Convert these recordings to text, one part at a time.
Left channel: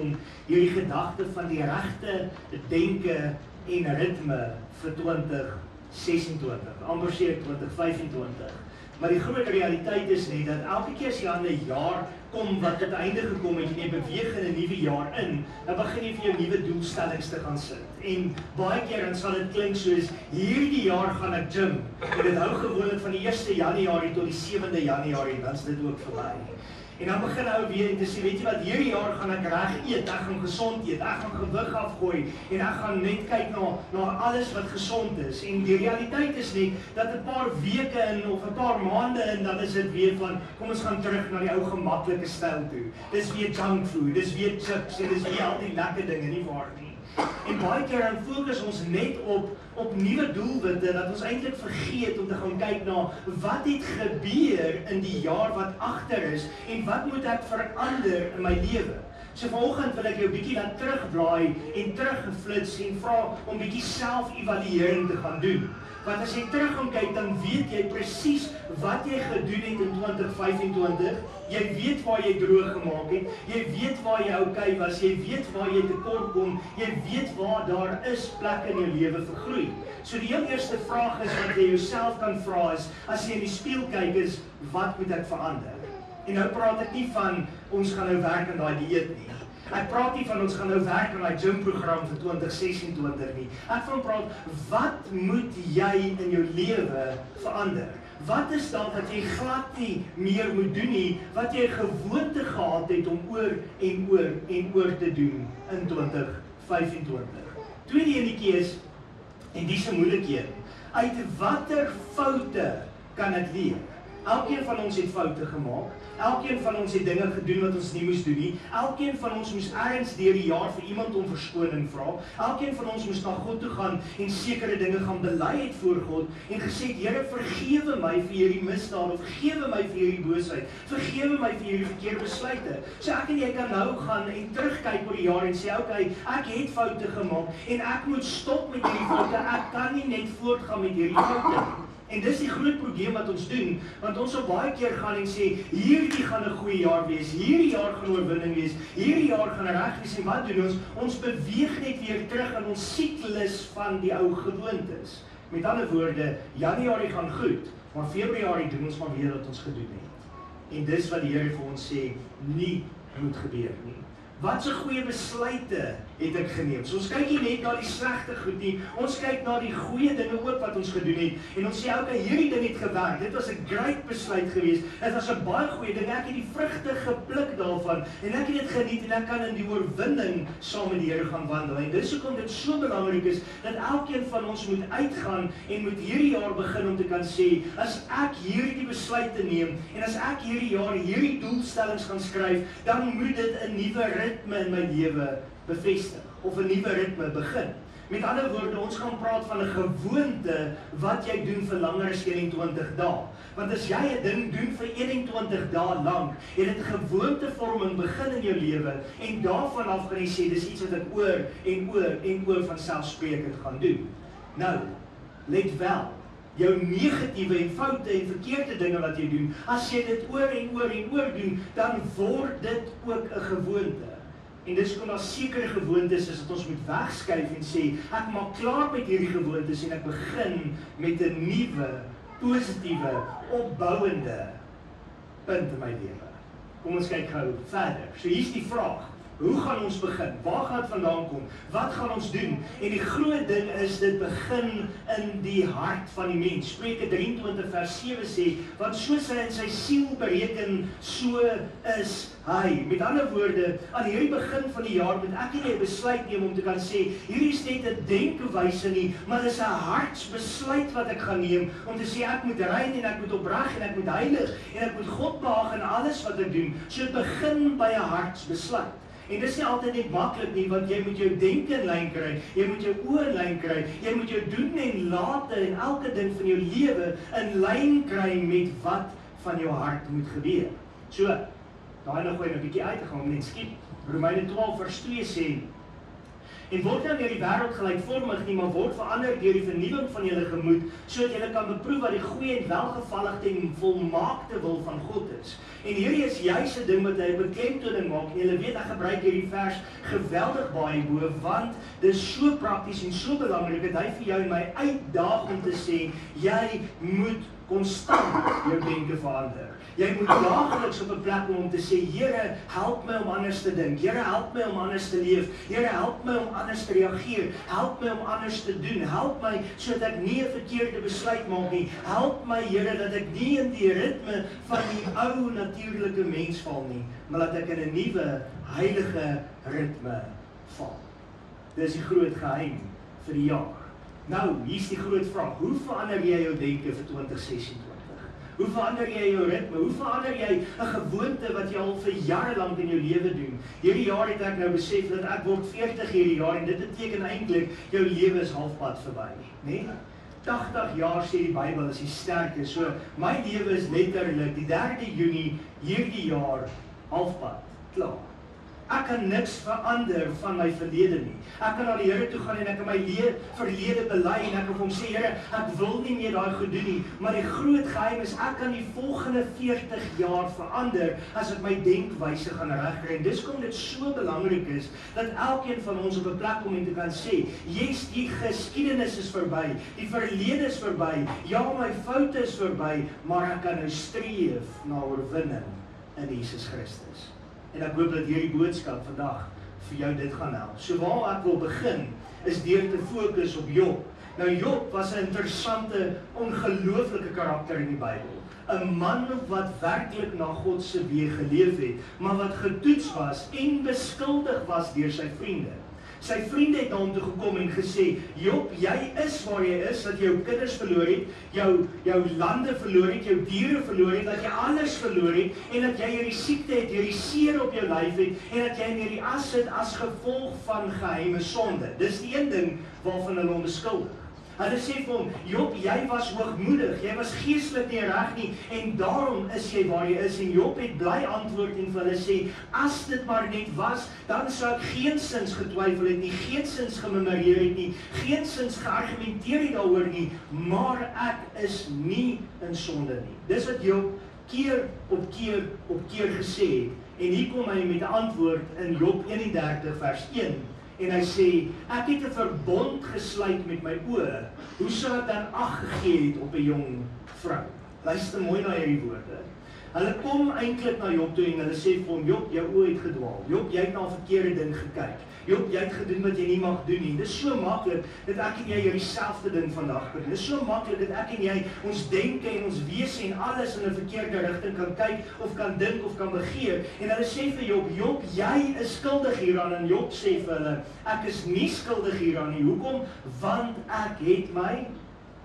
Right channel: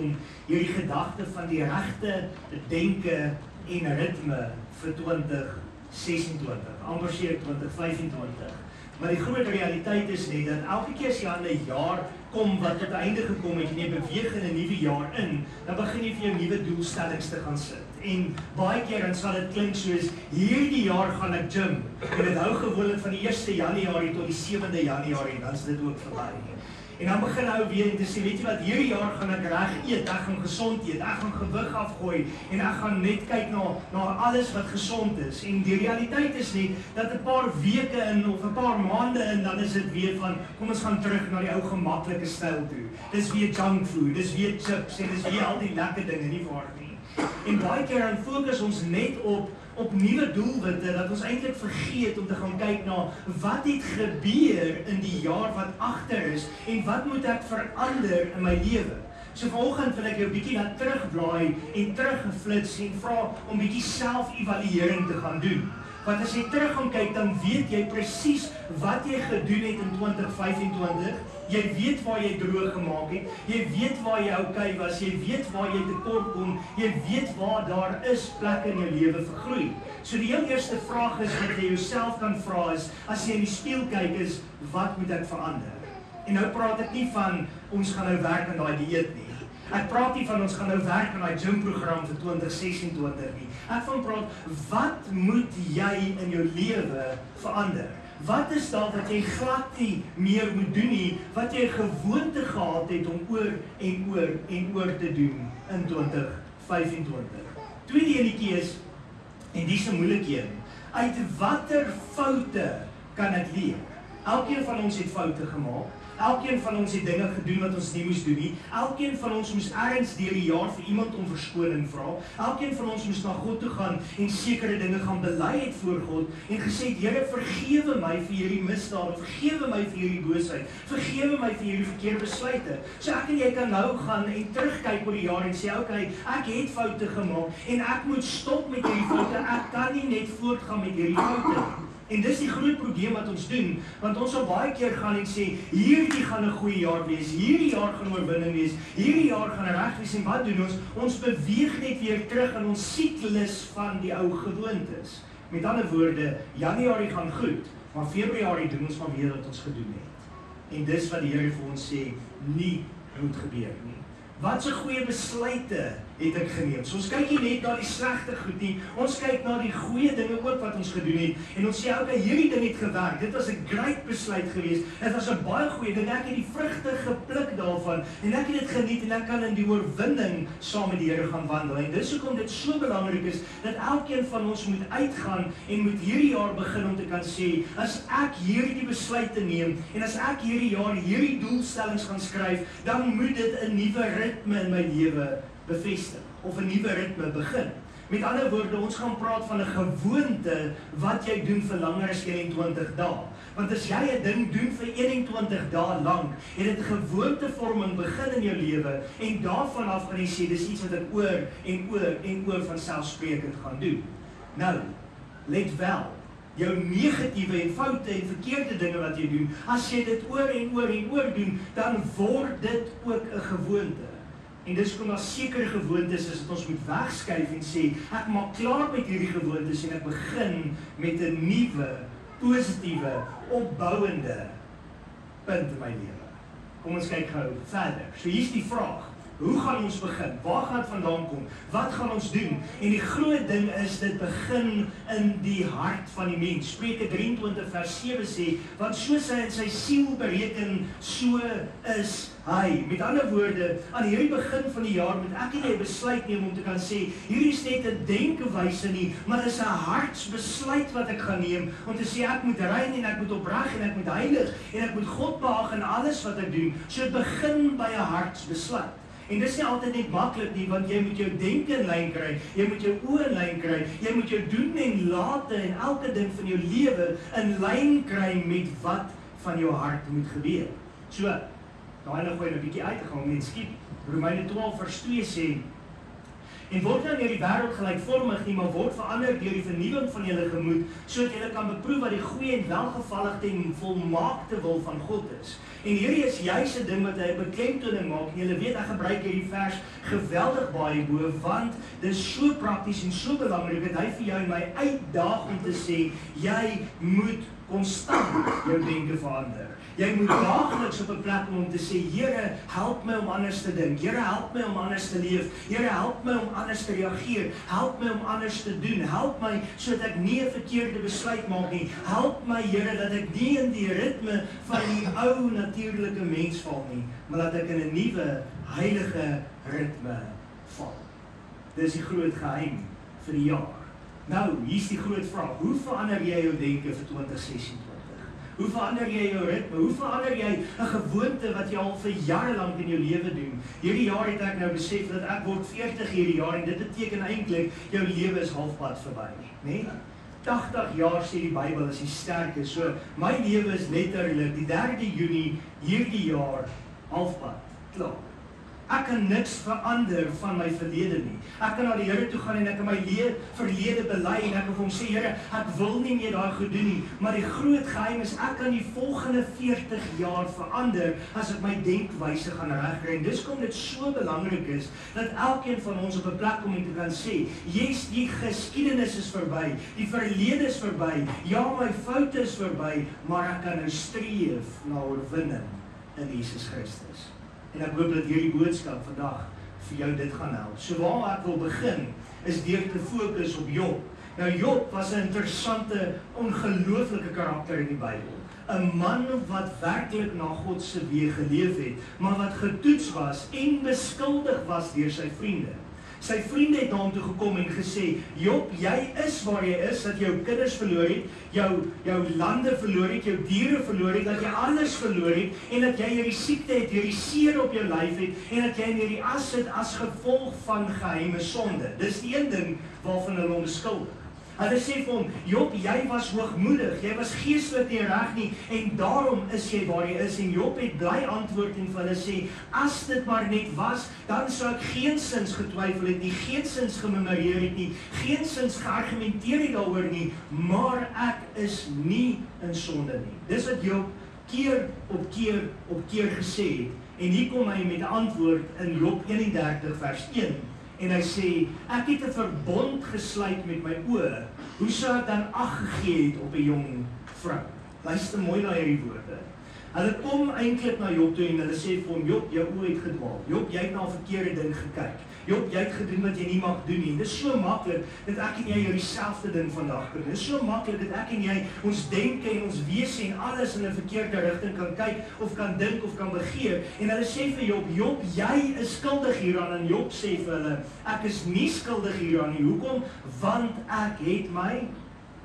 om hierdie gedagte van die regte denke en ritme vir 2026, amper sê 2025. Maar die groot realiteit is net dat elke keer as jy aan 'n jaar kom wat tot einde gekom het en jy beweeg in 'n nuwe jaar in, dan begin jy vir jou nuwe doelstellings te gaan sit. En baie keer dan sal dit klink soos hierdie jaar gaan ek gym. En dit hou gewoonlik van die 1 Januarie tot die 7de Januarie, dan is dit ook verby. En dan begin nou weer en te sê, weet jy wat, hierdie jaar gaan ek reg eet, ek gaan gesond eet, ek gaan gewig afgooi en ek gaan net kyk na alles wat gesond is. En die realiteit is net dat 'n paar weke in of 'n paar maande in, dan is dit weer van, kom ons gaan terug na die ou gemaklike styl toe. Dis weer junk food, dis weer chips en dis weer al die lekker dinge, nie waar nie. En baie keer dan fokus ons net op nuwe doelwitte, dat ons eintlik vergeet om te gaan kyk na wat het gebeur in die jaar wat agter is en wat moet ek verander in my lewe. So vanoggend wil ek jou bietjie laat terugblaai en teruggeflits en vra om bietjie self-evaluering te gaan doen. Want as jy terug gaan kyk, dan weet jy presies wat jy gedoen het in 2025. Jy weet waar jy droog gemaak het, jy weet waar jy okay was, jy weet waar jy tekort kom, jy weet waar daar is plekke in jou lewe vir groei. So die heel eerste vraag is wat jy jouself kan vra is, as jy in die spieël kyk is, wat moet ek verander? En nou praat ek nie van, ons gaan nou werk aan daai dieet nie. Ek praat nie van ons gaan nou werk aan daai gymprogram vir 2026 nie. Ek van praat, wat moet jy in jou lewe verander? Wat is daar wat jy glad nie meer moet doen nie, wat jy gewoonte gehad het om oor en oor te doen in 2025? Tweede enetjie is, en die is 'n moeilike een, uit watter foute kan ek leer? Elkeen van ons het foute gemaak. Elkeen van ons het dinge gedoen wat ons nie moes doen nie. Elkeen van ons moes ergens deur die jaar vir iemand om verskoning vra. Elkeen van ons moes na God toe gaan en sekere dinge gaan bely het voor God en gesê het, Here, vergewe my vir hierdie misdade, vergewe my vir hierdie boosheid, vergewe my vir hierdie verkeerde besluite. So ek en jy kan nou gaan en terugkyk oor die jaar en sê, okay, ek het foute gemaak en ek moet stop met hierdie foute. Ek kan nie net voortgaan met hierdie foute. En dis die groot probleem wat ons doen, want ons sal baie keer gaan en sê, hierdie gaan 'n goeie jaar wees, hierdie jaar gaan oorwinning wees, hierdie jaar gaan reg wees, en wat doen ons? Ons beweeg net weer terug in ons siklus van die ou gewoontes. Met ander woorde, Januarie gaan goed, maar Februarie doen ons maar weer wat ons gedoen het. En dis wat die Here vir ons sê, nie moet gebeur nie. Wat 'n goeie besluite het ek geneem? So ons kyk nie net na die slegte goed nie, ons kyk na die goeie dinge ook wat ons gedoen het, en ons sê, okay, hierdie ding het gewerk, dit was 'n great besluit geweest, dit was 'n baie goeie ding, ek het die vrugte gepluk daarvan, en ek het dit geniet, en ek kan in die oorwinning saam met die Here gaan wandel, en dis hoekom dit so belangrik is, dat elkeen van ons moet uitgaan, en moet hierdie jaar begin om te kan sê, as ek hierdie besluite neem, en as ek hierdie jaar hierdie doelstellings gaan skryf, dan moet dit 'n nuwe ritme in my lewe bevestig, of 'n nuwe ritme begin. Met ander woorde, ons gaan praat van 'n gewoonte wat jy doen vir langer as 21 dae. Want as jy 'n ding doen vir 21 dae lank, het dit gewoontevorming begin in jou lewe, en daarvan af gaan jy sê, dis iets wat ek oor van selfsprekend gaan doen. Nou, let wel, jou negatiewe en foute en verkeerde dinge wat jy doen, as jy dit oor doen, dan word dit ook 'n gewoonte. En dis kom daar sekere gewoontes is wat ons moet wegskuif en sê, ek maak klaar met hierdie gewoontes en ek begin met 'n nuwe, positiewe, opbouende punt in my lewe. Kom ons kyk gou verder. So hier's die vraag. Hoe gaan ons begin? Waar gaan dit vandaan kom? Wat gaan ons doen? En die groot ding is, dit begin in die hart van die mens. Spreuke 23 vers 7 sê, want soos hy in sy siel bereken, so is hy. Met ander woorde, aan hierdie begin van die jaar moet ek en jy besluit neem om te kan sê, hierdie is net 'n denkewyse nie, maar dis 'n hartsbesluit wat ek gaan neem, om te sê, ek moet rein en ek moet opreg en ek moet heilig en ek moet God behaag in alles wat ek doen. So dit begin by 'n hartsbesluit. En dis nie altyd net maklik nie, want jy moet jou denke in lyn kry, jy moet jou oë in lyn kry, jy moet jou doen en late en elke ding van jou lewe in lyn kry met wat van jou hart moet gebeur. So, daai nog gooi 'n bietjie uit te gaan om net skiep. Romeine 12 vers 2 sê, En word nou deur die wêreld gelykvormig nie, maar word verander deur die vernuwing van julle gemoed, sodat julle kan beproef wat die goeie en welgevallige en volmaakte wil van God is. En hierdie is juis 'n ding wat hy 'n beklemtoning maak. En julle weet, ek gebruik hierdie vers geweldig baie bo, want dit is so prakties en so belangrik dat hy vir jou en my uitdaag om te sê, jy moet konstant jou denke verander. Jy moet daagliks op 'n plek om te sê, Here, help my om anders te dink. Here, help my om anders te leef. Here, help my om anders te reageer. Help my om anders te doen. Help my sodat ek nie 'n verkeerde besluit maak nie. Help my, Here, dat ek nie in die ritme van die ou natuurlike mens val nie, maar dat ek in 'n nuwe heilige ritme val. Dis die groot geheim vir die jaar. Nou, hier's die groot vraag. Hoe verander jy jou denke vir 2026? Hoe verander jy jou ritme? Hoe verander jy 'n gewoonte wat jy al vir jare lank in jou lewe doen? Hierdie jaar het ek nou besef dat ek word 40 hierdie jaar en dit beteken eintlik jou lewe is halfpad verby, né? 80 jaar sê die Bybel is die sterkste. So my lewe is letterlik die 3de Junie hierdie jaar halfpad klaar. Ek kan niks verander van my verlede nie. Ek kan na die Here toe gaan en ek kan my verlede bely en ek kan vir hom sê, Here, ek wil nie meer daai goed doen nie, maar die groot geheim is ek kan die volgende 40 jaar verander as ek my denkwyse gaan regkry. En dis kom dit so belangrik is dat elkeen van ons op 'n plek kom en te kan sê, yes, die geskiedenis is verby, die verlede is verby, ja, my foute is verby, maar ek kan nou streef na oorwinning in Jesus Christus. En ek hoop dat hierdie boodskap vandag vir jou dit gaan help. So waar ek wil begin, is deur te fokus op Job. Nou Job was 'n interessante, ongelooflike karakter in die Bybel. 'n Man wat werklik na God se weë geleef het, maar wat getoets was en beskuldig was deur sy vriende. Sy vriende het na hom toe gekom en gesê, Job, jy is waar jy is, dat jy jou kinders verloor het, jou lande verloor het, jou diere verloor het, dat jy alles verloor het, en dat jy hierdie siekte het, hierdie seer op jou lyf het, en dat jy in hierdie as sit as gevolg van geheime sonde. Dis die een ding waarvan hulle hom beskuldig. Hulle sê vir hom, Job, jy was hoogmoedig, jy was geestelik nie reg nie, en daarom is jy waar jy is. En Job het bly antwoord en vir hulle sê, as dit maar net was, dan sou ek geensins getwyfel het nie, geensins gememoreer het nie, geensins geargumenteer het daaroor nie, maar ek is nie in sonde nie. Dis wat Job keer op keer gesê het. En hier kom hy met 'n antwoord in Job 31 vers 1. En hy sê, ek het 'n verbond gesluit met my oë. Hoe sou ek dan ag gegee het op 'n jong vrou? Luister mooi na hierdie woorde. Hulle kom eintlik na Job toe en hulle sê vir hom, Job, jou oë het gedwaal. Job, jy het na 'n verkeerde ding gekyk. Job, jy het gedoen wat jy nie mag doen nie. Dit is so maklik dat ek en jy hierdie selfde ding vandag doen. Dit is so maklik dat ek en jy ons denke en ons wese en alles in 'n verkeerde rigting kan kyk of kan dink of kan begeer. En hulle sê vir Job, Job, jy is skuldig hieraan. En Job sê vir hulle, ek is nie skuldig hieraan nie. Hoekom? Want ek het my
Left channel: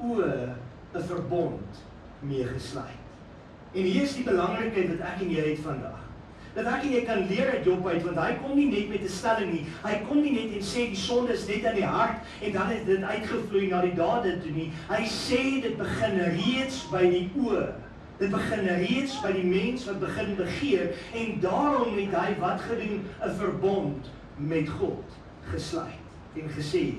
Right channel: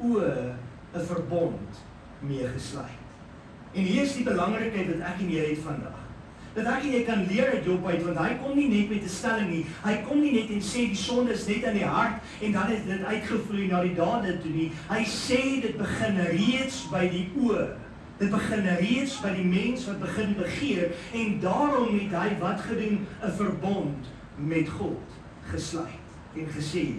oë 'n verbond mee gesluit. En hier is die belangrikheid wat ek en jy het vandag. Dat ek en jy kan leer uit Job uit, want hy kom nie net met 'n stelling nie, hy kom nie net en sê die sonde is net in die hart en dan het dit uitgevloei na die dade toe nie. Hy sê dit begin reeds by die oë. Dit begin reeds by die mens wat begin begeer en daarom het hy wat gedoen? 'n verbond met God gesluit en gesê,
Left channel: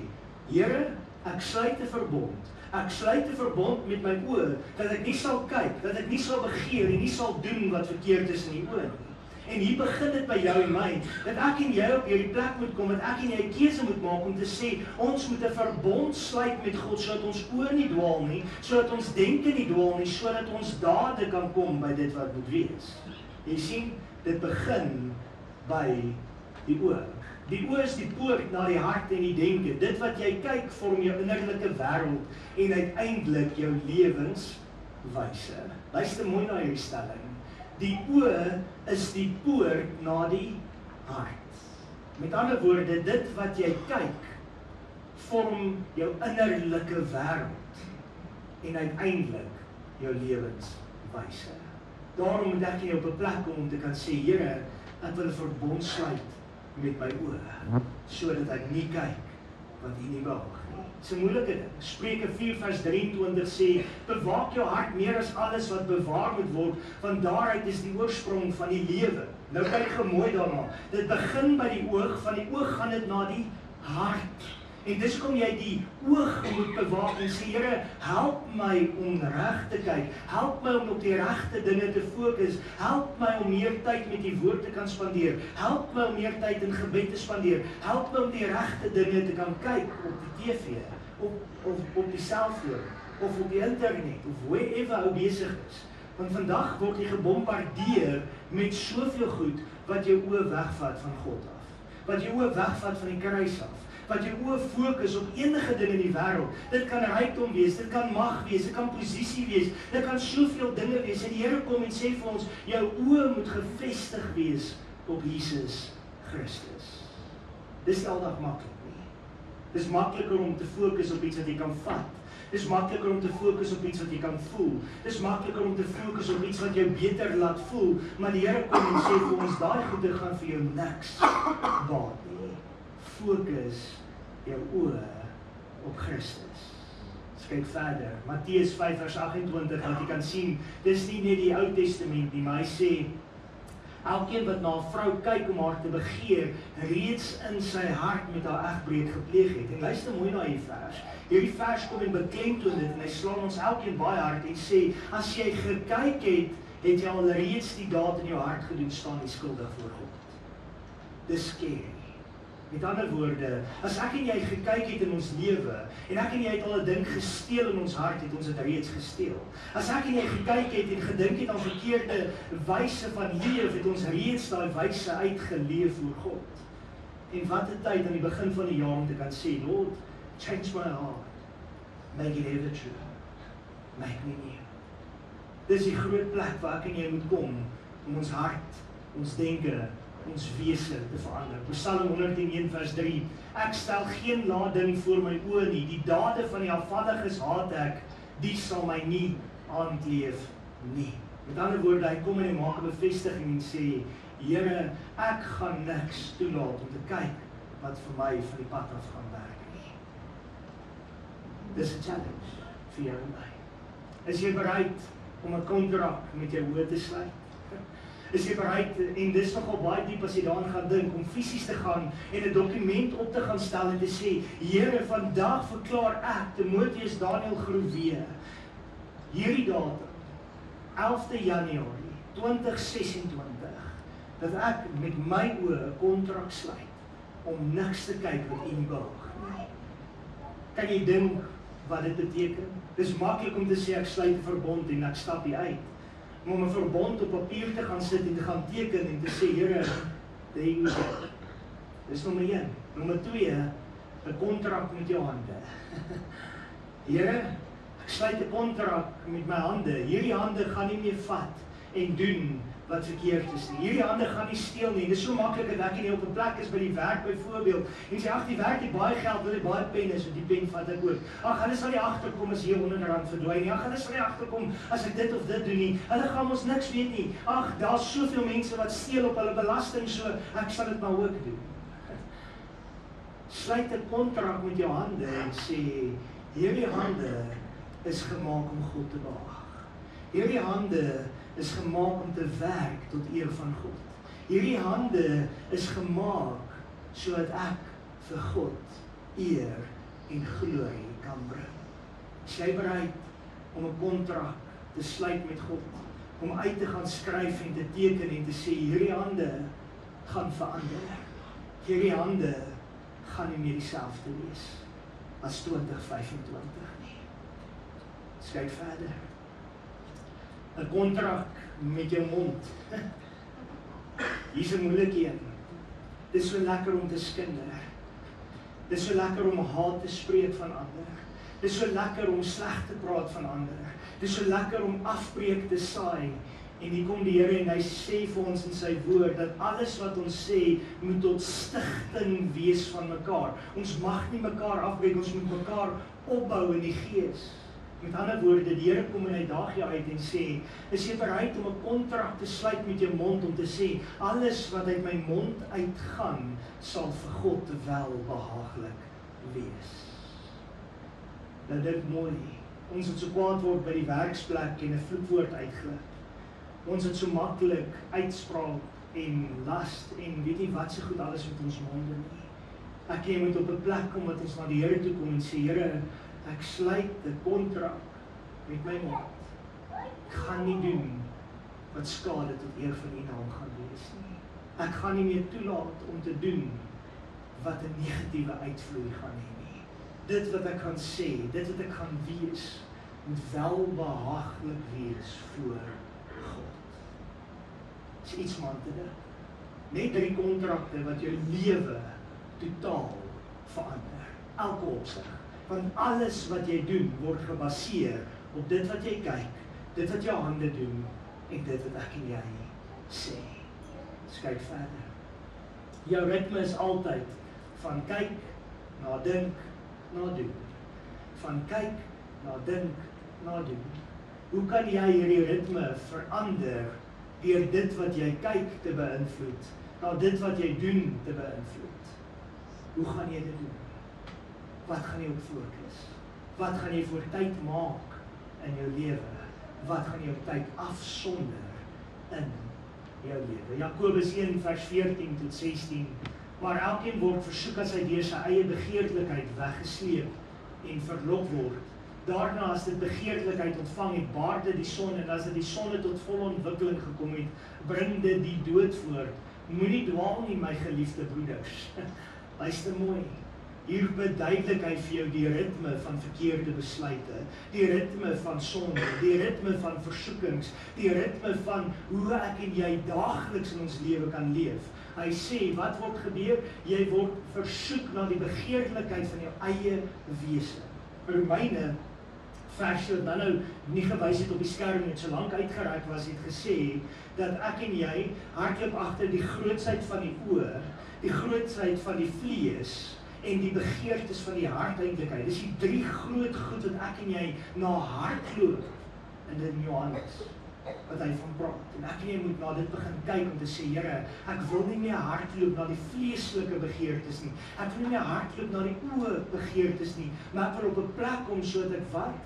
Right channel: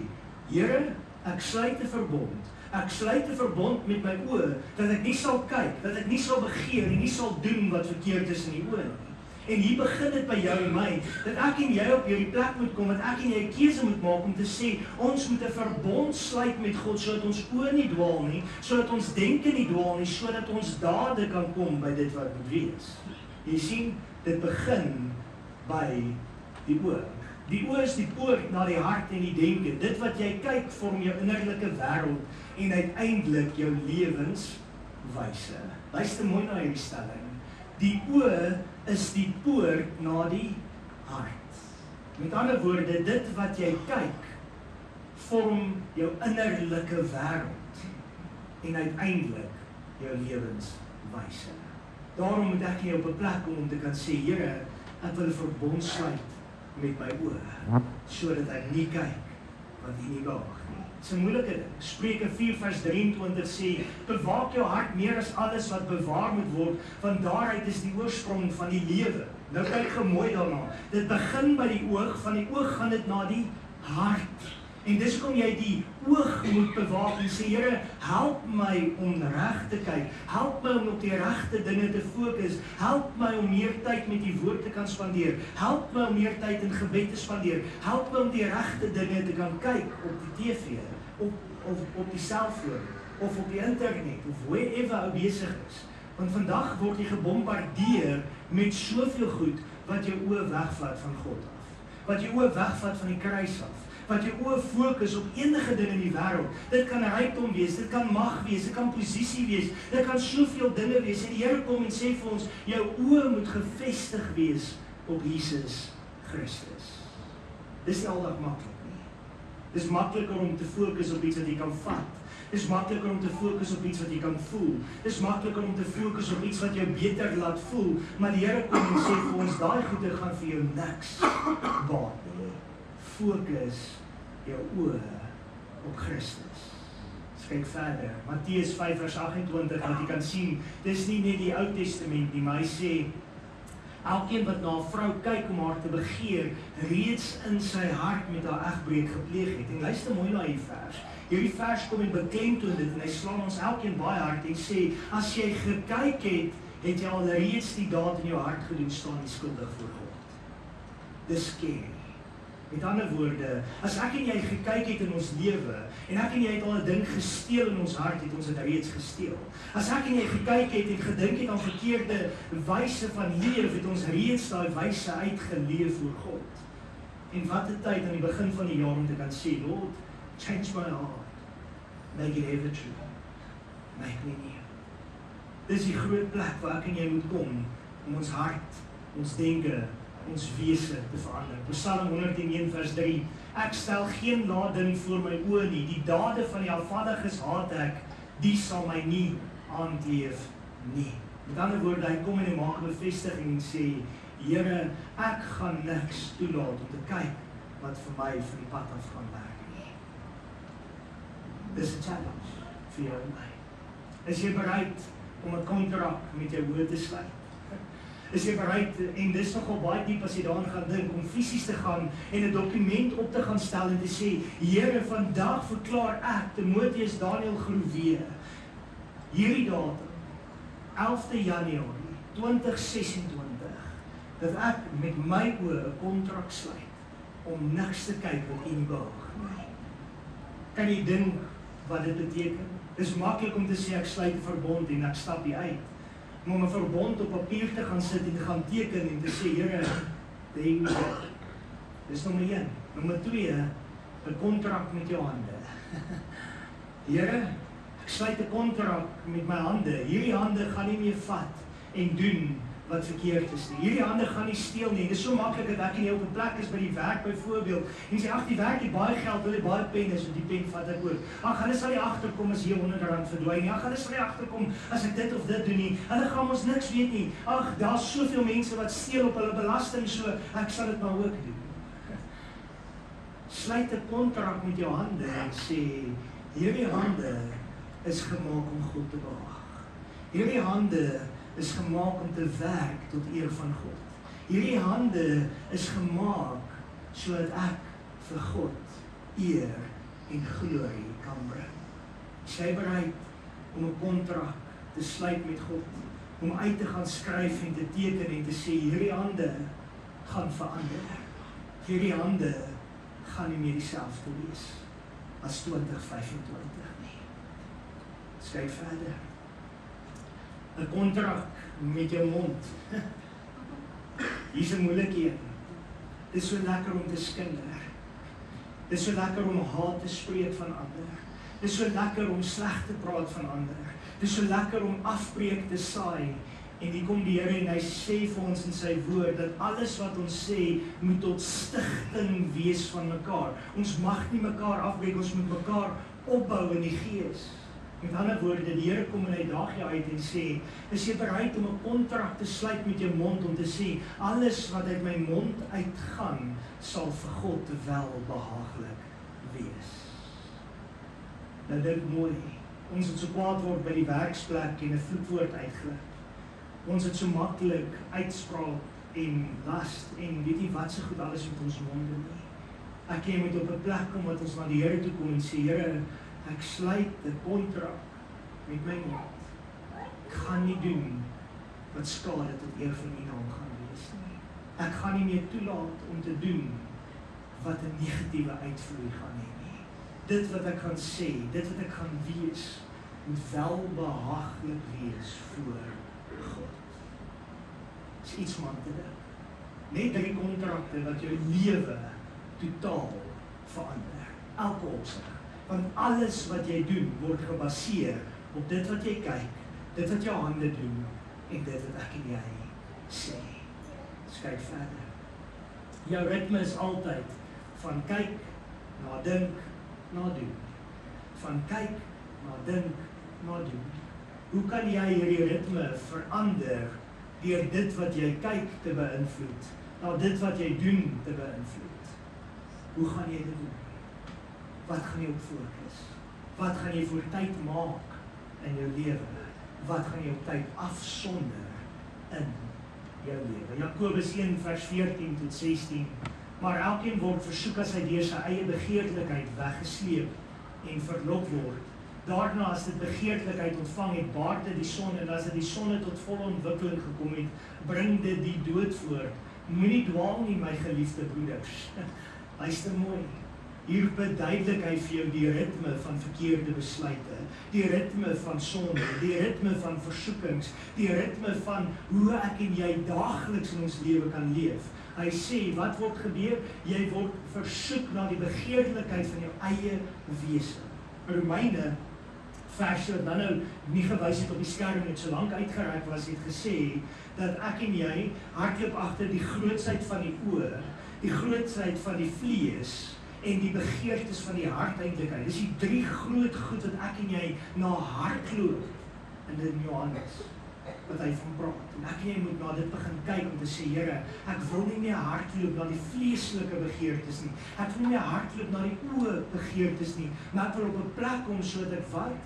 Here, ek sluit 'n verbond. Ek sluit 'n verbond met my oë dat ek nie sal kyk, dat ek nie sal begeer en nie sal doen wat verkeerd is in die oë nie. En hier begin dit by jou en my, dat ek en jy op hierdie plek moet kom, dat ek en jy 'n keuse moet maak om te sê, ons moet 'n verbond sluit met God, sodat ons oë nie dwaal nie, sodat ons denke nie dwaal nie, sodat ons dade kan kom by dit wat moet wees. Jy sien, dit begin by die oë. Die oë is die poort na die hart en die denke. Dit wat jy kyk vorm jou innerlike wêreld en uiteindelik jou lewenswyse. Luister mooi na hierdie stelling. Die oë is die poort na die hart. Met ander woorde, dit wat jy kyk, vorm jou innerlike wêreld en uiteindelik jou lewenswyse. Daarom moet ek jy op 'n plek kom om te kan sê, Here, ek wil 'n verbond sluit met my oë, sodat ek nie kyk wat U nie behaag nie. Dis 'n moeilike ding. Spreuke 4 vers 23 sê, bewaak jou hart meer as alles wat bewaar moet word, want daaruit is die oorsprong van die lewe. Nou kyk gou mooi daarna. Dit begin by die oog, van die oog gaan dit na die hart. En dis hoekom jy die oog moet bewaak en sê, Here, help my om reg te kyk, help my om op die regte dinge te fokus, help my om meer tyd met die woord te kan spandeer, help my om meer tyd in gebed te spandeer, help my om die regte dinge te kan kyk op die TV, op die selfoon, of op die internet, of wherever ou besig is. Want vandag word jy gebombardeer met soveel goed wat jou oë wegvat van God af, wat jou oë wegvat van die kruis af, wat jou oë fokus op enige ding in die wêreld. Dit kan rykdom wees, dit kan mag wees, dit kan posisie wees, dit kan soveel dinge wees. En die Here kom en sê vir ons, jou oë moet gefestig wees op Jesus Christus. Dis nie aldag maklik nie. Dis makliker om te fokus op iets wat jy kan vat. Dis makliker om te fokus op iets wat jy kan voel. Dis makliker om te fokus op iets wat jou beter laat voel. Maar die Here kom en sê vir ons, daai goede gaan vir jou niks baat nie. Fokus jou oë op Christus. Kyk verder, Matteus 5 vers 28, wat jy kan sien, dis nie net die Ou Testament nie, maar hy sê, elkeen wat na 'n vrou kyk om haar te begeer, reeds in sy hart met haar egbreek gepleeg het. En luister mooi na hierdie vers. Hierdie vers kom en beklemtoon dit, en hy slaan ons elkeen baie hard en sê, as jy gekyk het, het jy al reeds die daad in jou hart gedoen, staan die skuldig voor God. Dis scary. Met ander woorde, as ek en jy gekyk het in ons lewe, en ek en jy het al 'n ding gesteel in ons hart, het ons dit reeds gesteel. As ek en jy gekyk het en gedink het aan verkeerde wyse van leef, het ons reeds daai wyse uitgeleef voor God. En wat 'n tyd aan die begin van die jaar om te kan sê, Lord, change my heart, make it ever true, make me new. Dis die groot plek waar ek en jy moet kom, om ons hart, ons denke, ons wese te verander. Psalm 101 vers 3, ek stel geen lading voor my oë nie, die dade van die afvalliges haat ek, die sal my nie aandleef nie. Met ander woorde, hy kom en hy maak 'n bevestiging en sê, Here, ek gaan niks toelaat om te kyk wat vir my van die pad af gaan werk nie. Dis 'n challenge vir jou en my. Is jy bereid om 'n kontrak met jou oë te sluit? Is jy bereid, en dis nogal baie diep as jy daaraan gaan dink, om fisies te gaan en 'n dokument op te gaan stel en te sê, Here, vandag verklaar ek, Timoteus Daniel Groewe, hierdie datum, 11de Januarie 2026, dat ek met my oë 'n kontrak sluit, om niks te kyk wat U nie behaag nie. Kan jy dink wat dit beteken? Dis maklik om te sê, ek sluit 'n verbond en ek stap hier uit. Om 'n verbond op papier te gaan sit en te gaan teken en te sê, Here, dis nommer 1. Nommer 2, 'n kontrak met jou hande. Here, ek sluit 'n kontrak met my hande. Hierdie hande gaan nie meer vat en doen wat verkeerd is nie. Hierdie hande gaan nie steel nie. Dit is so maklik dat ek nie op 'n plek is by die werk byvoorbeeld en sê, ag, die werk het baie geld, wil jy baie penne, so die pen vat ek ook. Ag, hulle sal nie agterkom as hier R100 verdwyn nie. Ag, hulle sal nie agterkom as ek dit of dit doen nie. Hulle gaan ons niks weet nie. Ag, daar's soveel mense wat steel op hulle belasting, so ek sal dit maar ook doen. Sluit 'n kontrak met jou hande en sê, hierdie hande is gemaak om God te behaag. Hierdie hande is gemaak om te werk tot eer van God. Hierdie hande is gemaak sodat ek vir God eer en glorie kan bring. Is jy bereid om 'n kontrak te sluit met God, om uit te gaan skryf en te teken en te sê, hierdie hande gaan verander. Hierdie hande gaan nie meer dieselfde wees as 2025 nie. Kyk verder. 'n kontrak met jou mond. Hier's 'n moeilike een. Dit is so lekker om te skinder. Dit is so lekker om haat te spreek van ander. Dit is so lekker om sleg te praat van ander. Dit is so lekker om afbreek te saai. En hier kom die Here en hy sê vir ons in sy woord, dat alles wat ons sê, moet tot stigting wees van mekaar. Ons mag nie mekaar afbreek, ons moet mekaar opbou in die gees. Met ander woorde, die Here kom en hy daag jou uit en sê, is jy bereid om 'n kontrak te sluit met jou mond, om te sê, alles wat uit my mond uitgaan, sal vir God welbehaaglik wees. Nou dit mooi, ons het so kwaad word by die werksplek en 'n vloekwoord uitglip. Ons het so maklik uitspraak en last en weet nie wat se goed alles met ons monde nie. Ek jy moet op 'n plek kom wat ons na die Here toe kom en sê, Here, ek sluit 'n kontrak met my mond. Ek gaan nie doen wat skade tot eer van U naam gaan wees nie. Ek gaan nie meer toelaat om te doen wat 'n negatiewe uitvloei gaan hê nie. Dit wat ek gaan sê, dit wat ek gaan wees, moet welbehaaglik wees voor God. Dis iets om aan te dink. Net 3 kontrakte wat jou lewe totaal verander. Elke opsig. Want alles wat jy doen word gebaseer op dit wat jy kyk, dit wat jou hande doen en dit wat ek en jy sê. Dus kyk verder. Jou ritme is altyd van kyk na dink na doen. Van kyk na dink na doen. Hoe kan jy hierdie ritme verander deur dit wat jy kyk te beïnvloed, na dit wat jy doen te beïnvloed? Hoe gaan jy dit doen? Wat gaan jy op fokus? Wat gaan jy vir tyd maak in jou lewe? Wat gaan jy op tyd afsonder in jou lewe? Jakobus 1 vers 14 tot 16. Maar elkeen word versoek as hy deur sy eie begeerlikheid weggesleep en verlok word. Daarna as dit begeerlikheid ontvang het, baar dit die sonde, en as dit die sonde tot volle ontwikkeling gekom het, bring dit die dood voort. Moenie dwaal nie, my geliefde broeders. Luister mooi. Hier beduidelik hy vir jou die ritme van verkeerde besluite, die ritme van sonde, die ritme van versoekings, die ritme van hoe ek en jy daagliks in ons lewe kan leef. Hy sê, wat word gebeur? Jy word versoek na die begeerlikheid van jou eie wese. Romeine vers wat dan nou nie gewys het op die skerm net so lank uitgereik was, het gesê dat ek en jy hardloop agter die grootsheid van die oë, die grootsheid van die vlees en die begeertes van die hart uitlikheid. Dis die 3 groot goed wat ek en jy na hardloop in dit Johannes wat hy van praat. En ek en jy moet na dit begin kyk om te sê, Here, ek wil nie meer hardloop na die vleeslike begeertes nie. Ek wil nie meer hardloop na die oë begeertes nie, maar ek wil op 'n plek kom sodat ek wat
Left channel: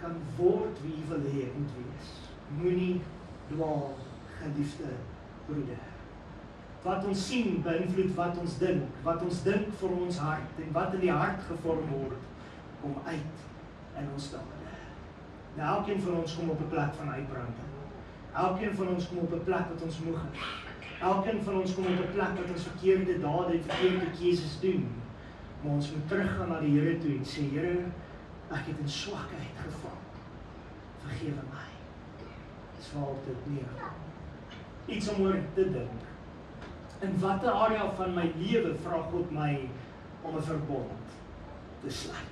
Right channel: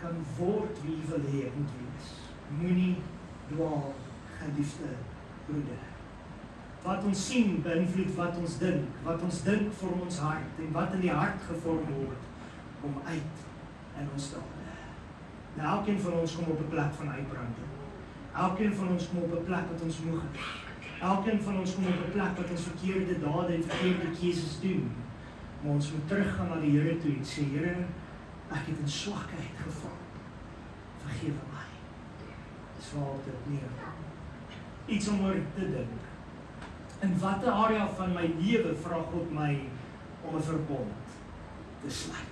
kan word wie U wil hê ek moet wees. Moenie dwaal, geliefde broeder. Wat ons sien beïnvloed wat ons dink vorm ons hart, en wat in die hart gevorm word, kom uit in ons dade. Nou, elkeen van ons kom op 'n plek van uitbranding. Elkeen van ons kom op 'n plek wat ons moeg is. Elkeen van ons kom op 'n plek wat ons verkeerde dade en verkeerde keuses doen. Maar ons moet teruggaan na die Here toe en sê, Here, ek het in swakheid geval. Vergewe my. Dis waar dit neerkom. Iets om oor te dink. In watter area van my lewe vra God my om 'n verbond te sluit?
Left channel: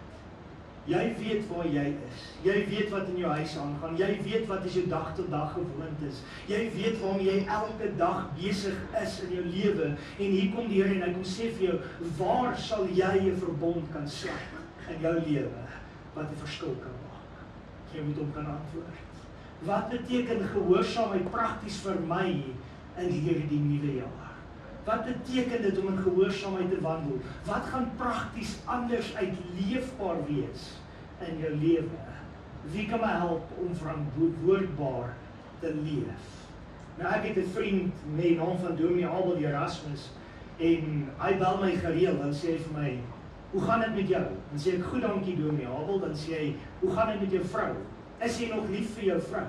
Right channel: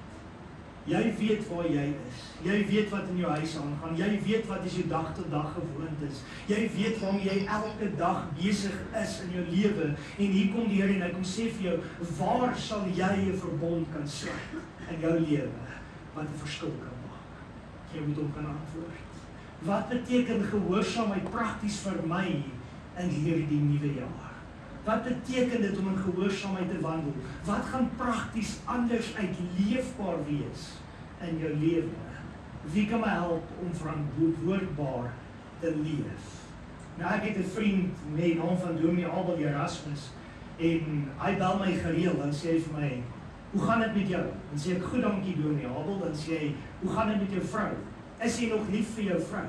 Jy weet waar jy is. Jy weet wat in jou huis aangaan. Jy weet wat is jou dag tot dag gewoontes. Jy weet waarmee jy elke dag besig is in jou lewe. En hier kom die Here en hy kom sê vir jou, waar sal jy 'n verbond kan sluit in jou lewe wat 'n verskil kan maak? Jy moet hom kan antwoord. Wat beteken gehoorsaamheid prakties vir my in hierdie nuwe jaar? Wat beteken dit om in gehoorsaamheid te wandel? Wat gaan prakties anders uitleefbaar wees in jou lewe? Wie kan my help om verantwoordbaar te leef? Nou, ek het 'n vriend met die naam van Dominee Abel Erasmus en hy bel my gereeld, dan sê hy vir my, hoe gaan dit met jou? Dan sê ek, goed dankie Dominee Abel, dan sê hy, hoe gaan dit met jou vrou? Is jy nog lief vir jou vrou?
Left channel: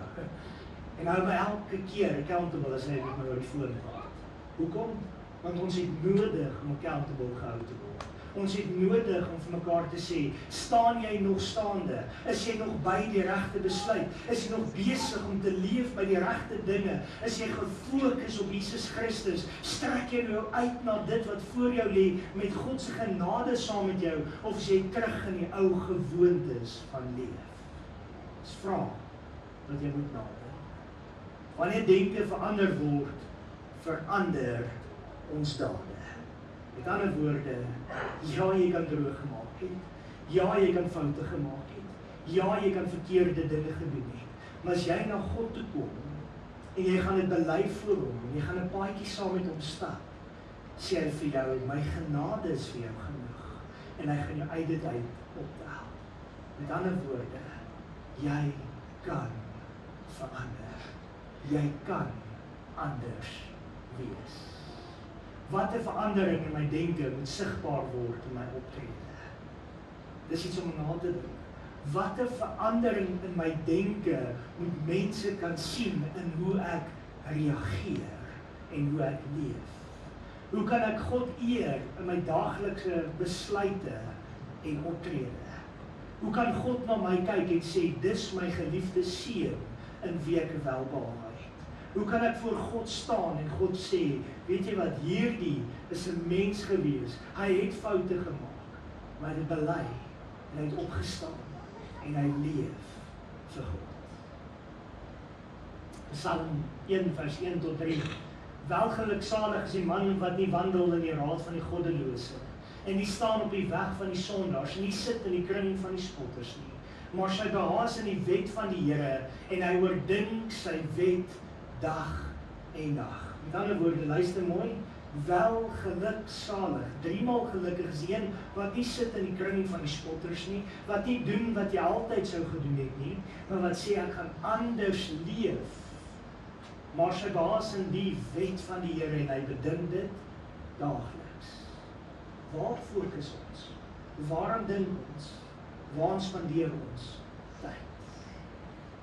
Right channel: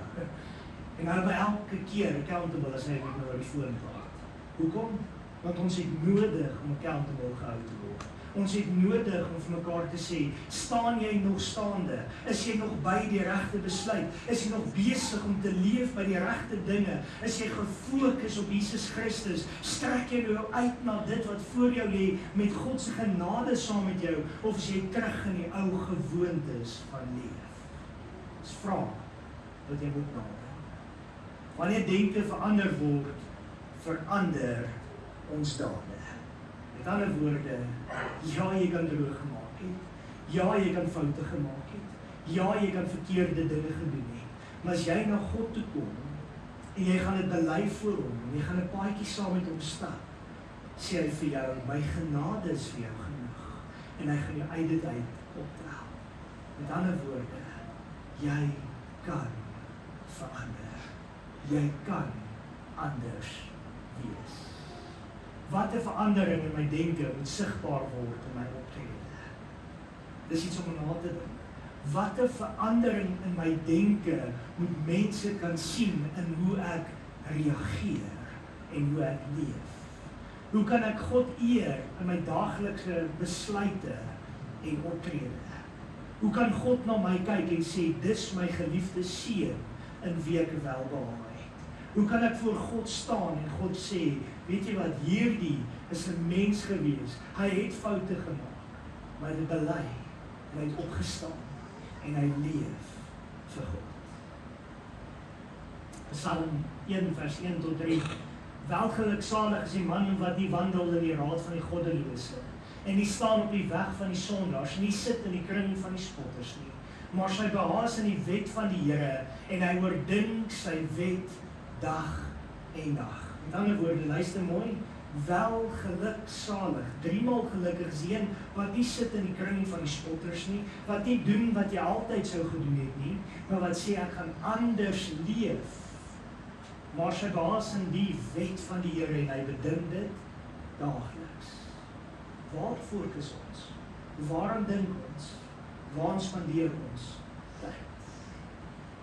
En hy hou my elke keer accountable as hy met my oor die foon praat. Hoekom? Want ons het nodig om accountable gehou te word. Ons het nodig om vir mekaar te sê, staan jy nog staande? Is jy nog by die regte besluit? Is jy nog besig om te leef by die regte dinge? Is jy gefokus op Jesus Christus? Strek jy nou uit na dit wat voor jou lê met God se genade saam met jou? Of is jy terug in die ou gewoontes van leef? Dis vraag wat jy moet nadink. Wanneer denke verander word, verander ons dade. Met ander woorde, ja, jy kan droog gemaak het. Ja, jy kan foute gemaak het. Ja, jy kan verkeerde dinge gedoen het. Maar as jy na God toe kom, en jy gaan dit bely voor hom, en jy gaan 'n paadjie saam met hom stap, sê hy vir jou, my genade is vir jou genoeg. En hy gaan jou uit dit uit optel. Met ander woorde, jy kan verander. Jy kan anders wees. Wat 'n verandering in my denke moet sigbaar word in my optrede? Dis iets om na te dink. Wat 'n verandering in my denke moet mense kan sien in hoe ek reageer en hoe ek leef? Hoe kan ek God eer in my daaglikse besluite en optrede? Hoe kan God na my kyk en sê, dis my geliefde seun in wie ek welbehaag het? Hoe kan ek voor God staan en God sê, weet jy wat, hierdie is 'n mens gewees, hy het foute gemaak, maar hy bely, en hy het opgestaan, en hy leef vir God. Psalm 1 vers 1 tot 3. Welgeluksalig is die man wat nie wandel in die raad van die goddelose, en nie staan op die weg van die sondaars, en nie sit in die kring van die spotters nie, maar sy behaas in die wet van die Here, en hy oordink sy wet dag en dag. Met ander woorde, luister mooi, welgeluksalig, 3 maal gelukkig is die een wat nie sit in die kring van die spotters nie, wat nie doen wat jy altyd sou gedoen het nie, maar wat sê ek gaan anders leef, maar sy behaas in die wet van die Here en hy bedink dit daagliks. Waar fokus ons? Waarom dink ons? Waarom spandeer ons tyd?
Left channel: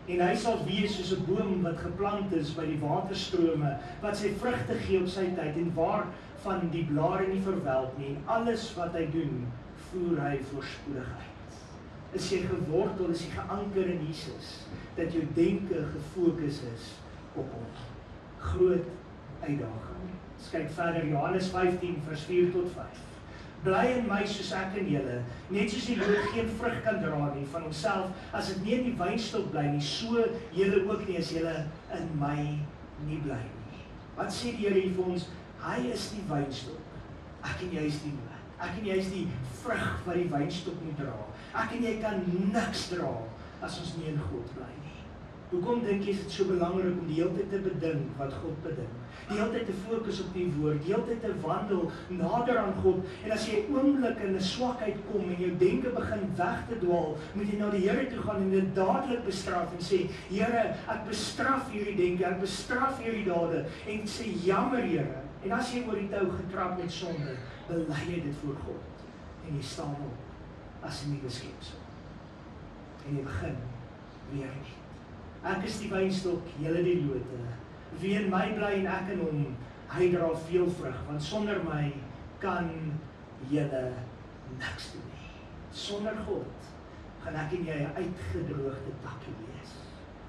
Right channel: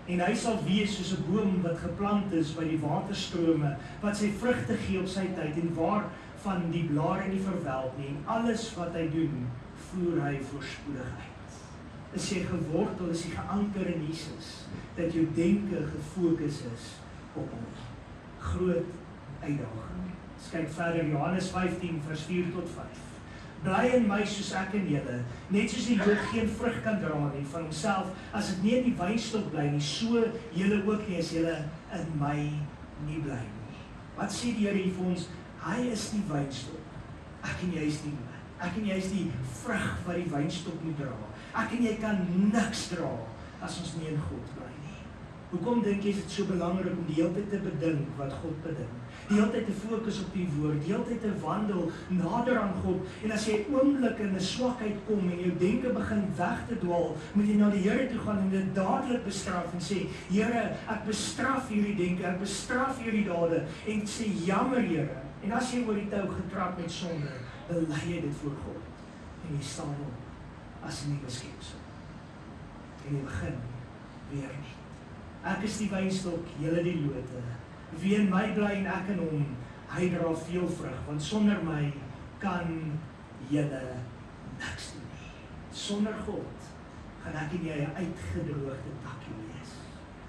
En hy sal wees soos 'n boom wat geplant is by die waterstrome, wat sy vrugte gee op sy tyd en waarvan die blare nie verwelk nie, en alles wat hy doen, voer hy voorspoedigheid. Is jy gewortel, is jy geanker in Jesus, dat jou denke gefokus is op hom. Groot uitdaging. Kyk verder, Johannes 15 vers 4 tot 5. Bly in my soos ek in julle, net soos die loot geen vrug kan dra nie van homself, as dit nie in die wynstok bly nie, so julle ook nie as julle in my nie bly nie. Wat sê die Here hier vir ons? Hy is die wynstok. Ek en jy is die loot. Ek en jy is die vrug wat die wynstok moet dra. Ek en jy kan niks dra as ons nie in God bly nie. Hoekom dink jy is dit so belangrik om die hele tyd te bedink wat God bedink? Die hele tyd te fokus op die woord, die hele tyd te wandel nader aan God, en as jy oomblik in 'n swakheid kom en jou denke begin weg te dwaal, moet jy na die Here toe gaan en dit dadelik bestraf en sê, Here, ek bestraf hierdie denke, ek bestraf hierdie dade, en sê, jammer Here, en as jy oor die tou getrap met sonde, bely jy dit voor God, en jy staan op as 'n nuwe skepsel, en jy begin weer nie. Ek is die wynstok, julle die lote. Wie in my bly en ek in hom, hy dra veel vrug, want sonder my kan julle niks doen nie. Sonder God gaan ek en jy 'n uitgedroogde takkie wees.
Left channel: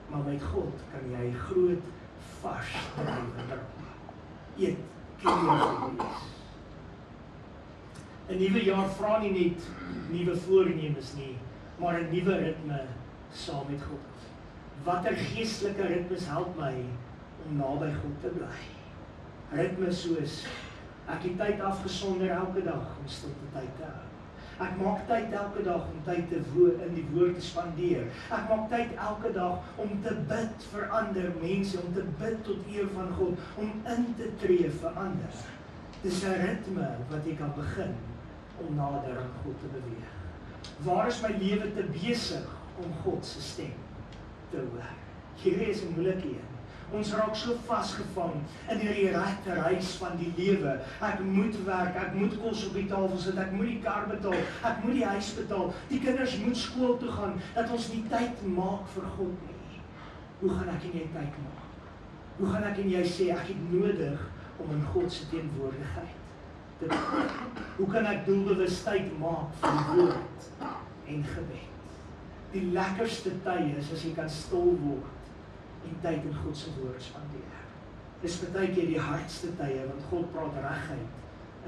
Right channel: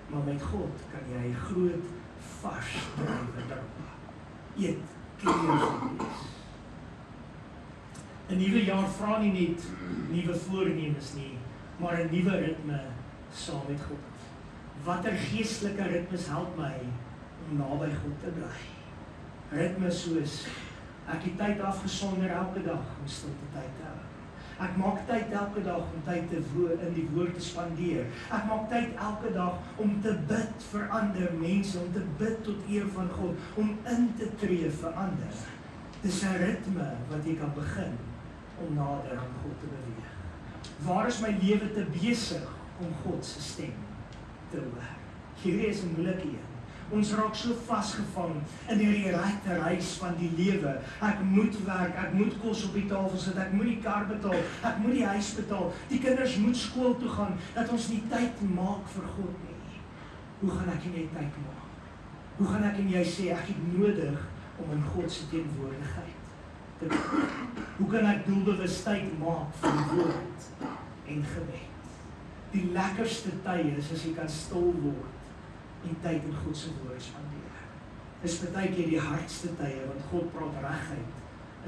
Maar met God kan jy groot, vars druiwe dra. Eet, klein wees. 'n Nuwe jaar vra nie net nuwe voornemens nie, maar 'n nuwe ritme saam met God. Watter geestelike ritmes help my om naby God te bly? Ritmes soos, ek het tyd afgesonder elke dag om stilte tyd te hou. Ek maak tyd elke dag om tyd in die woord te spandeer. Ek maak tyd elke dag om te bid vir ander mense, om te bid tot eer van God, om in te tree vir ander. Dis 'n ritme wat jy kan begin om nader aan God te beweeg. Waar is my lewe te besig om God se stem te hoor? Hierdie is 'n moeilike een. Ons raak so vasgevang in hierdie reis van die lewe. Ek moet werk, ek moet kos op die tafel sit, ek moet die kar betaal, ek moet die huis betaal, die kinders moet skool toe gaan, dat ons nie tyd maak vir God nie. Hoe gaan ek en jy tyd maak? Hoe gaan ek en jy sê, ek het nodig om in God se teenwoordigheid te kom? Hoe kan ek doelbewus tyd maak vir die woord en gebed? Die lekkerste tye is as jy kan stil word en tyd in God se woord spandeer. Dis baie keer die hardste tye, want God praat regheid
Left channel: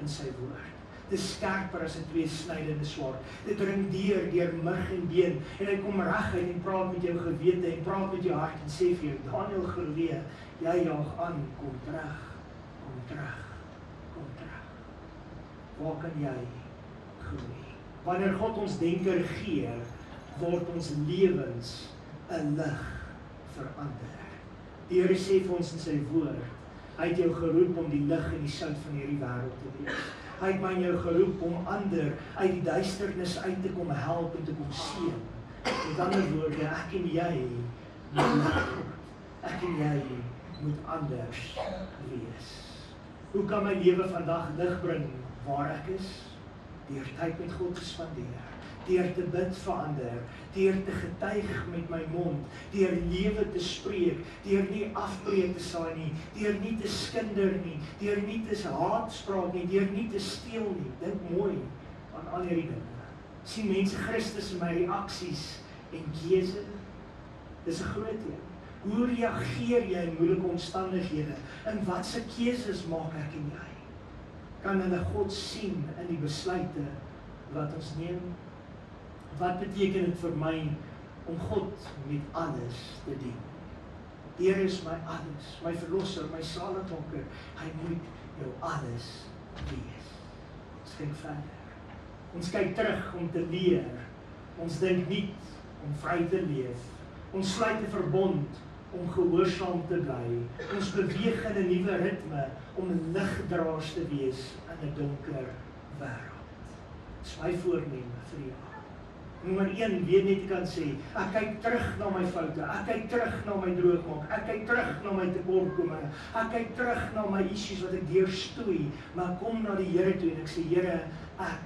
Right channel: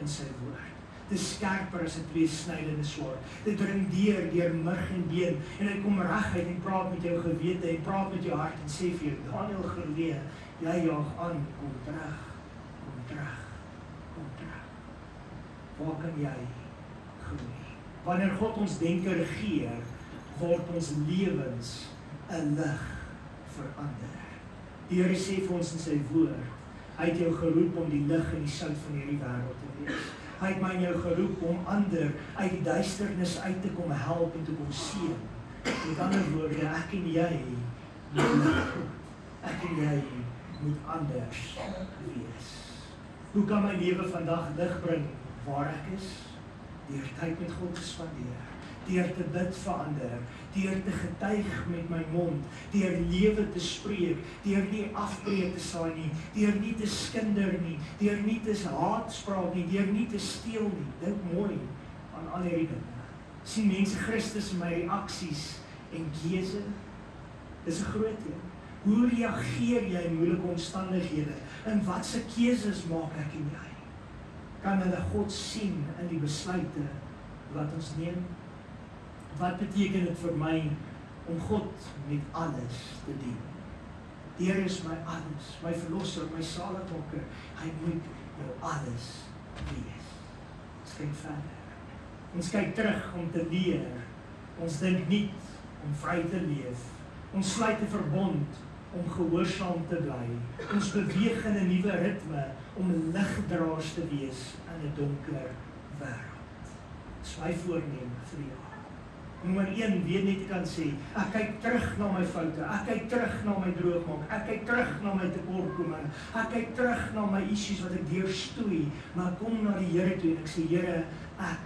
in sy woord. Dis skerper as 'n tweesnydende swaard. Dit dring deur murg en been, en hy kom reguit en praat met jou gewete en praat met jou hart en sê vir jou, Daniel Gerlee, jy jaag aan, kom terug, kom terug, kom terug. Waar kan jy groei? Wanneer God ons denke regeer, word ons lewens 'n lig verander. Die Here sê vir ons in sy woord, hy het jou geroep om die lig en die sout van hierdie wêreld te wees. Hy het my en jou geroep om ander uit die duisternis uit te kom help en te kom seën. Met ander woorde, ek en jy moet lig word. Ek en jy moet anders wees. Hoe kan my lewe vandag lig bring waar ek is? Deur tyd met God te spandeer, deur te bid vir ander, deur te getuig met my mond, deur lewe te spreek, deur nie afbreek te saai nie, deur nie te skinder nie, deur nie te haatspraak nie, deur nie te steel nie. Dink mooi aan al hierdie dinge. Sien mense Christus in my reaksies en keuse? Dis 'n groot ding. Hoe reageer jy in moeilike omstandighede? En watse keuses maak ek en jy? Kan hulle God sien in die besluite wat ons neem? Wat beteken dit vir my om God met alles te dien? Die Here is my alles, my verlosser, my saligmaker. Hy moet jou alles wees. Ons kyk verder. Ons kyk terug om te leer. Ons dink nie om vry te leef. Ons sluit 'n verbond om gehoorsaam te bly. Ons beweeg in 'n nuwe ritme om ligdraers te wees in 'n donker wêreld. Dis my voorneme vir die jaar. Nommer 1, weet net ek kan sê, ek kyk terug na my foute, ek kyk terug na my droogmaak, ek kyk terug na my tekortkominge, ek kyk terug na my issues wat ek deurstoei, maar kom na die Here toe en ek sê, Here, ek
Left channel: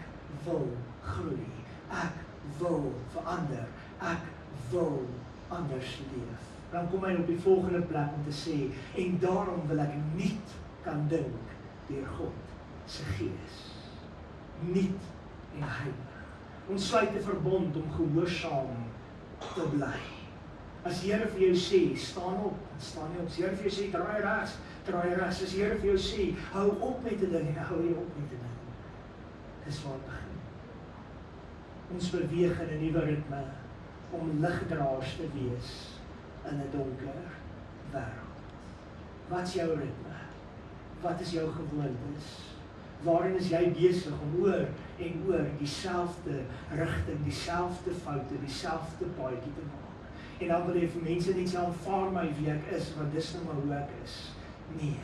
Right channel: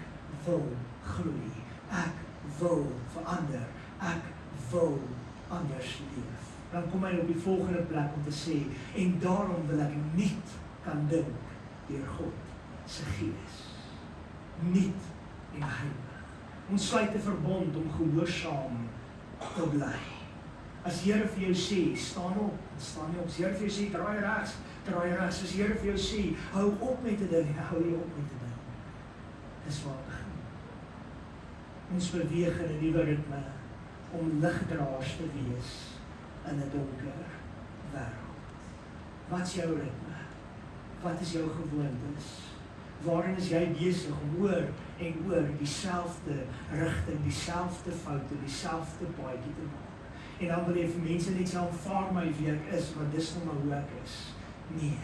wil groei, ek wil verander, ek wil anders leef. Dan kom hy op die volgende plek om te sê, en daarom wil ek nuut kan dink deur God se Gees. Nuut en heilig. Ons sluit 'n verbond om gehoorsaam te bly. As die Here vir jou sê, staan op, staan nie op. As die Here vir jou sê, draai regs, draai regs. As die Here vir jou sê, hou op met te ding, en hou jy op met te ding. Dis waar het begin. Ons beweeg in 'n nuwe ritme om ligdraers te wees in 'n donker wêreld. Wat is jou ritme? Wat is jou gewoontes? Waarin is jy besig om oor en oor dieselfde rigting, dieselfde foute, dieselfde paadjie te maak? En dan wil jy vir mense net sê, aanvaar my wie ek is, want dis nou maar hoe ek is. Nee,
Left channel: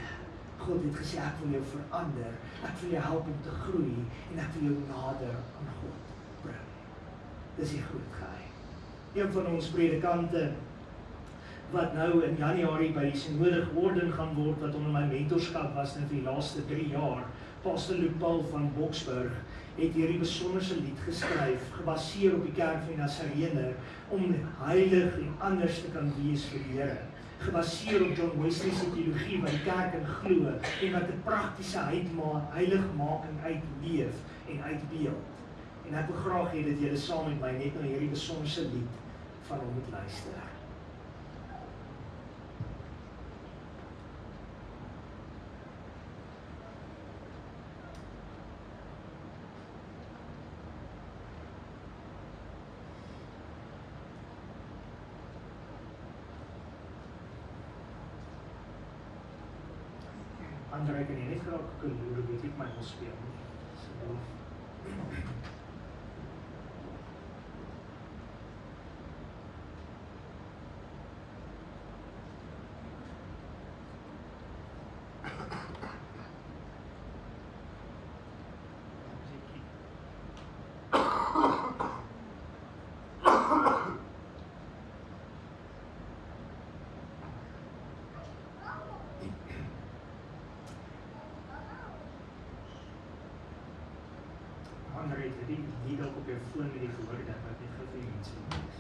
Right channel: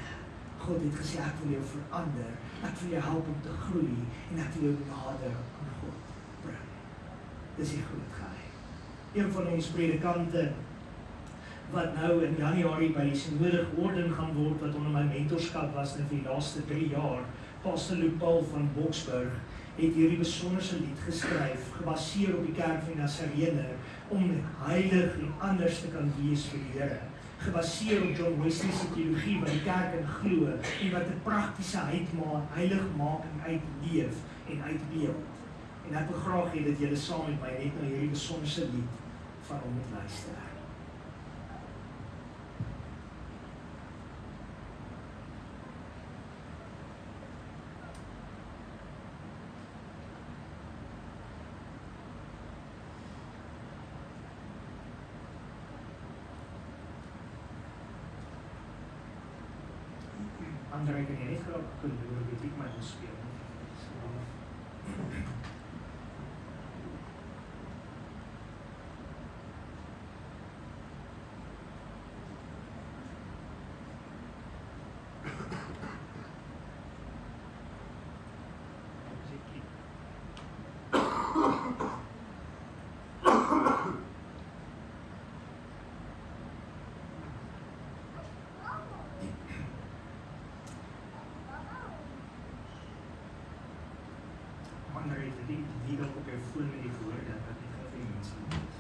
God het gesê, ek wil jou verander, ek wil jou help om te groei, en ek wil jou nader aan God bring. Dis die groot geheim. Een van ons predikante, wat nou in Januarie by die Simoedig Orden gaan word, wat onder my mentorskap was in die laaste 3 jaar, Pastor Luc Paul van Boksburg, het hierdie besonderse lied geskryf, gebaseer op die kerk van Nasarener, om heilig en anders te kan wees vir die Here. Gebaseer op John Wesley se teologie, wat die kerk in glo, en wat 'n praktiese heiligmaking uitleef en uitbeeld. En ek wil graag hê dat julle saam met my net na hierdie besonderse lied van hom moet luister. André, kan jy net graag doen, hoe weet ek my wil speel? André, die dalk op jou foon met die gehoor dat wat nie gou vir die mense lees.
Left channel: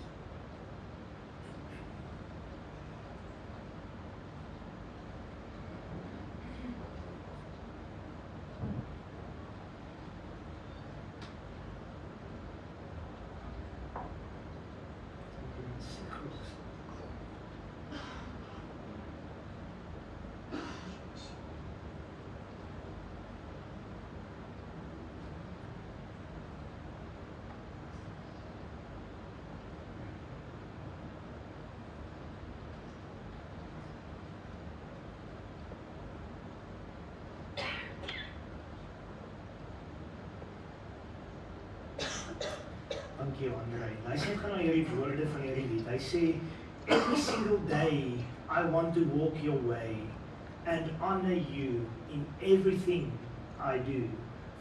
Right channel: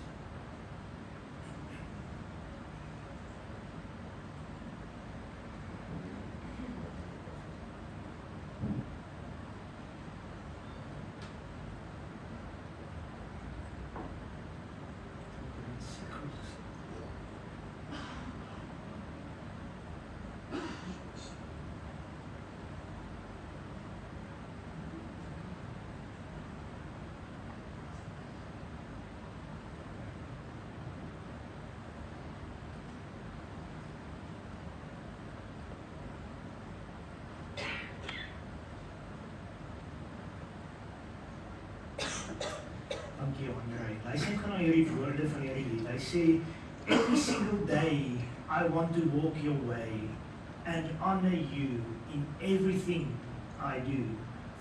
Dankie André. Hy sê gaan na hierdie woorde van hierdie lied. Hy sê, every single day I want to walk your way and honor you in everything I do.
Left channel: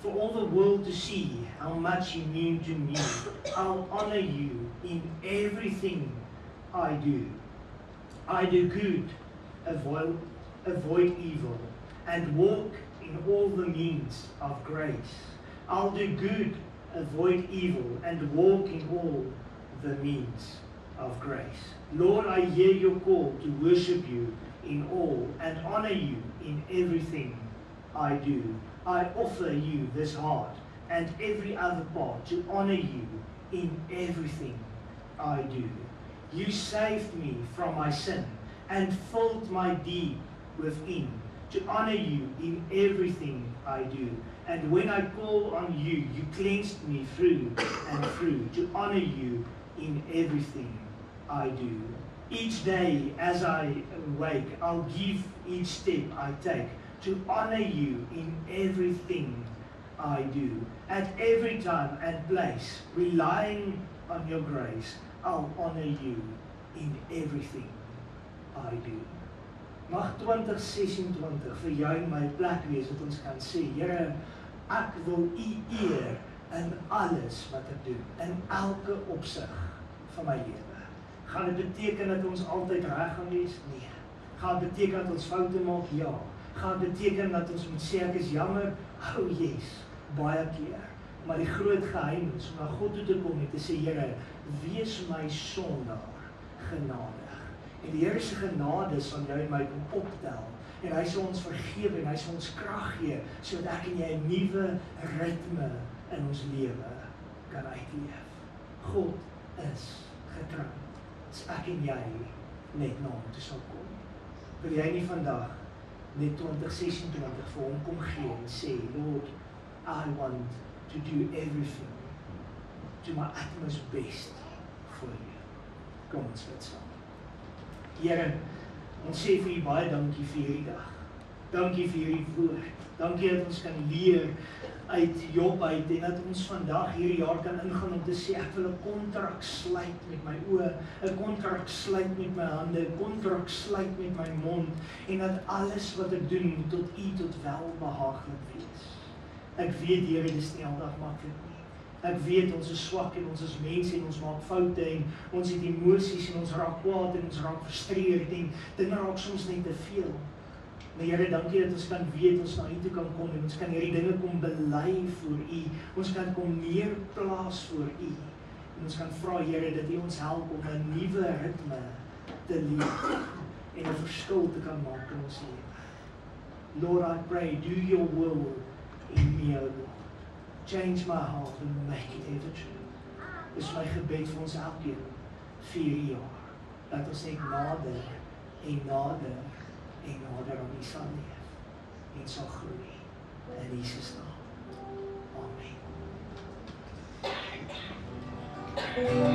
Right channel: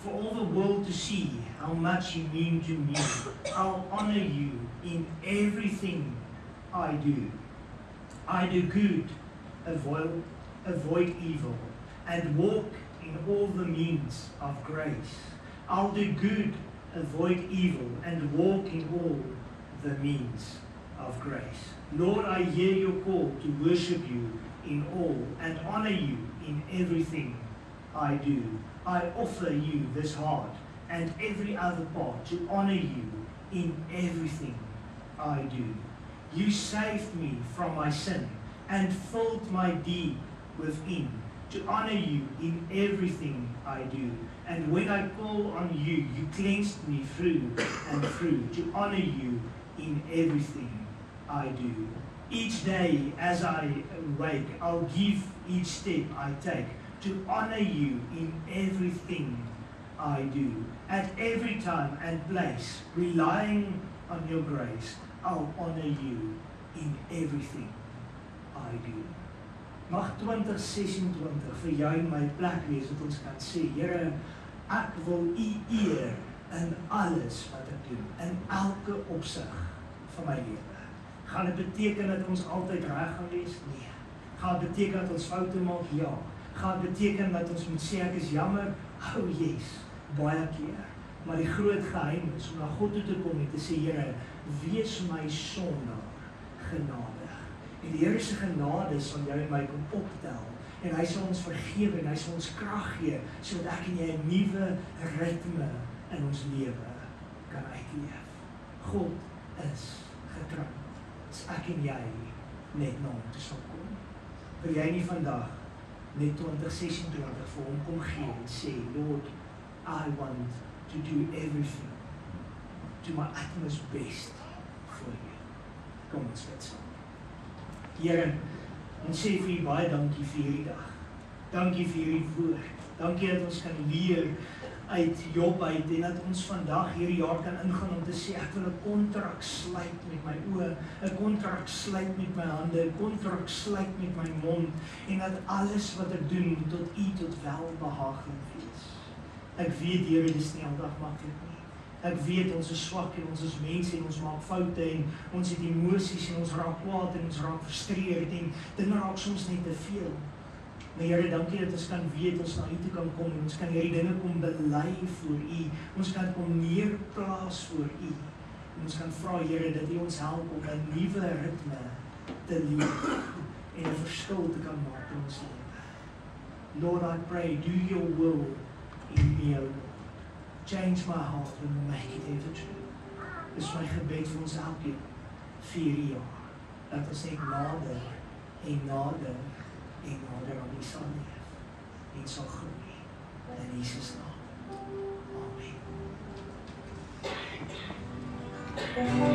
For all the world to see how much you mean to me, I'll honor you in everything I do. I do good, avoid evil, and walk in all the means of grace. I'll do good, avoid evil, and walk in all the means of grace. Lord, I hear your call to worship you in all and honor you in everything I do. I offer you this heart and every other part to honor you in everything I do. You saved me from my sin and filled my deep within to honor you in everything I do. And when I call on you, you cleansed me through and through to honor you in everything I do. Each day as I wake, I'll give each step I take to honor you in everything I do. At every time and place, relying on your grace, I'll honor you in everything I do. Mag 2026 vir jou en my plek wees wat ons kan sê, Here, ek wil u eer in alles wat ek doen, in elke opsig van my lewe. Gaan dit beteken dat ons altyd reg gaan wees? Nee. Gaan dit beteken dat ons foute maak? Ja. Gaan dit beteken dat ons moet sê ek is jammer? Oh yes, baie keer. Maar die groot geheim is om na God toe te kom en te sê, Here, wees my sondaar genadig. En die Here se genade sal jou en my kom optel. En hy sal ons vergewe en hy sal ons krag gee sodat ek en jy 'n nuwe ritme in ons lewe kan uitleef. God is getrou. Dis ek en jy net na hom toe sal kom. Wil jy nie vandag net 2026 vir hom kom gee en sê, Lord, I want to do everything, do my utmost best for you. Kom ons bid saam. Here, ons sê vir u baie dankie vir hierdie dag. Dankie vir hierdie woord. Dankie dat ons kan leer uit Job uit en dat ons vandag hierdie jaar kan ingaan om te sê ek wil 'n kontrak sluit met my oë, 'n kontrak sluit met my hande, 'n kontrak sluit met my mond en dat alles wat ek doen moet tot u tot welbehaaglik wees. Ek weet Here, dit is nie aldag maklik nie. Ek weet ons is swak en ons is mense en ons maak foute en ons het emosies en ons raak kwaad en ons raak frustreerd en dinge raak soms net te veel. Maar Here, dankie dat ons kan weet, ons na u toe kan kom en ons kan hierdie dinge kom bely voor u. Ons kan kom neerplaas voor u. En ons kan vra, Here, dat u ons help om 'n nuwe ritme te leef en 'n verskil te kan maak in ons lewe. Lord, I pray, do your will in me, O Lord. Change my heart and make it ever true. Dis my gebed vir ons elkeen 4 jaar. Dat ons net nader en nader en nader aan U sal leef en sal groei in Jesus naam. Amen.